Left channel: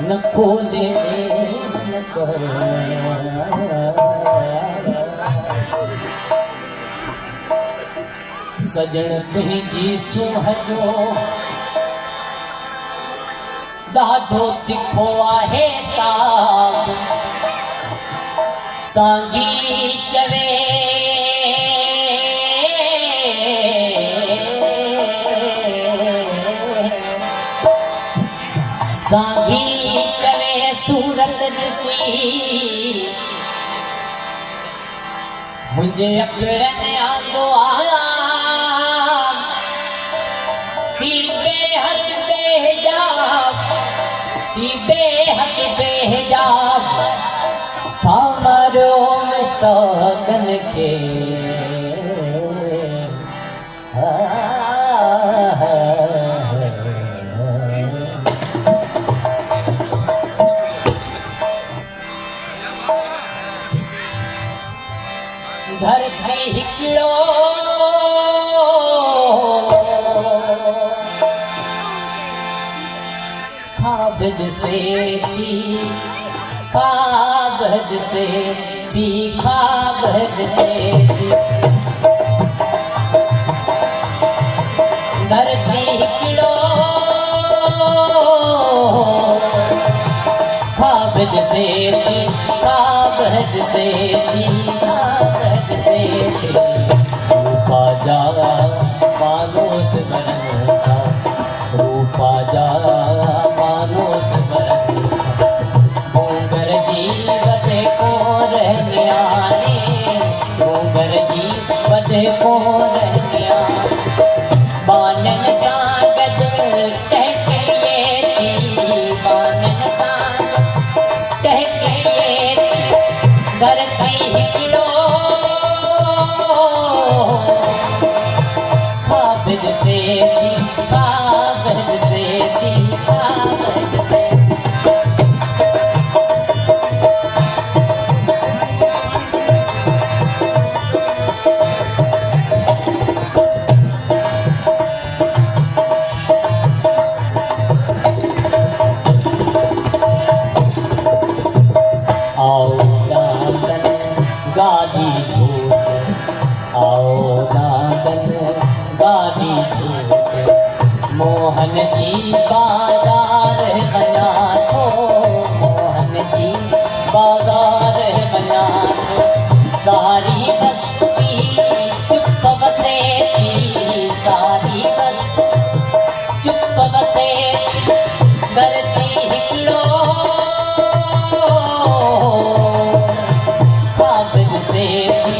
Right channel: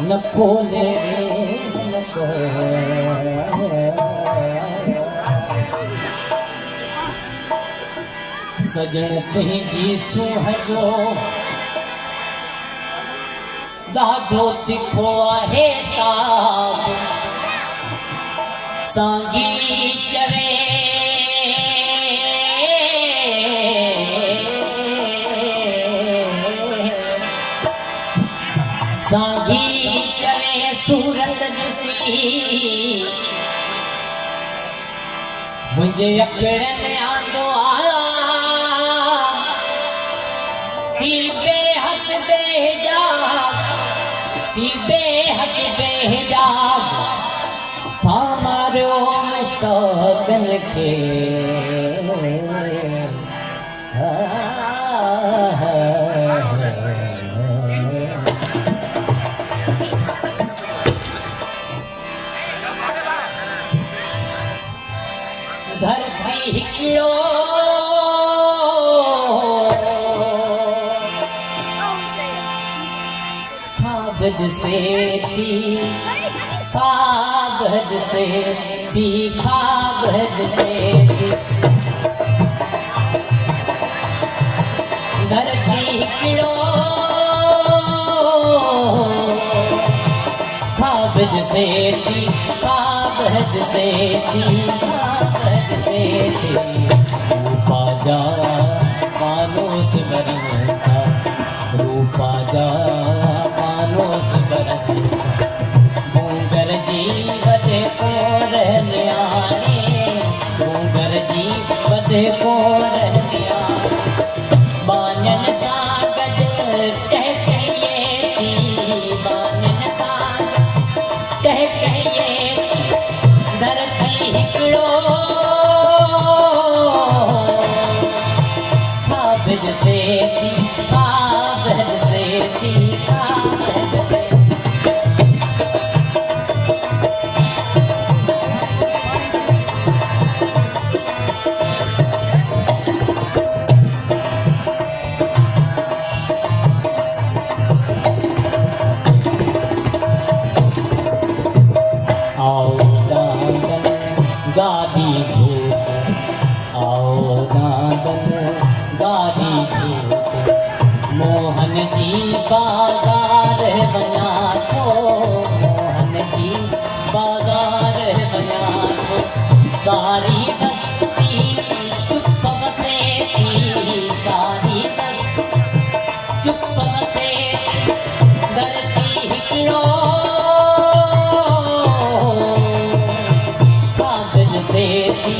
न खोले सजण तुंहिंजी सूंहं ॾाढो तिखो आहे ताब सांगी चवे सांगी चवे सूरत ॾिसी मुंहिंजे अखड़नि आंदो आया थी बेहद बेहिजाब थी बेहद बेहिजाब था मारियो मुश्ताक़नि खे धरती हिकिड़ो ख्वाब ॾिसे थी ख्वाब ॾिसे थी ख्वाब ॾिसे थी धरती हिकिड़ो ख्वाब ॾिसे थी ख्वाब ॾिसे थी रूपा जा मानोस बरन था रूपा जा मानोस बरन था मूंगर जी वधे को रहने आने मूंगर जी वधे को रहने आने बानन सां गॾु टहकइए थी बानन सां टहकइए थी धरती हिकिड़ो से थी ख्वाब से थी ख्वाब से आओ नांदन गाड़ी झूठ आओ नांदन गाड़ी झूठ मोहन जी बाजार बना थो मोहन जी बाजार बना थो सारी बस्ती चुप बसे थी सारी बस्ती चुप बसे थी धरती हिकिड़ो ख्वाब ॾिसे थी